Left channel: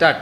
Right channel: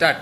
Start.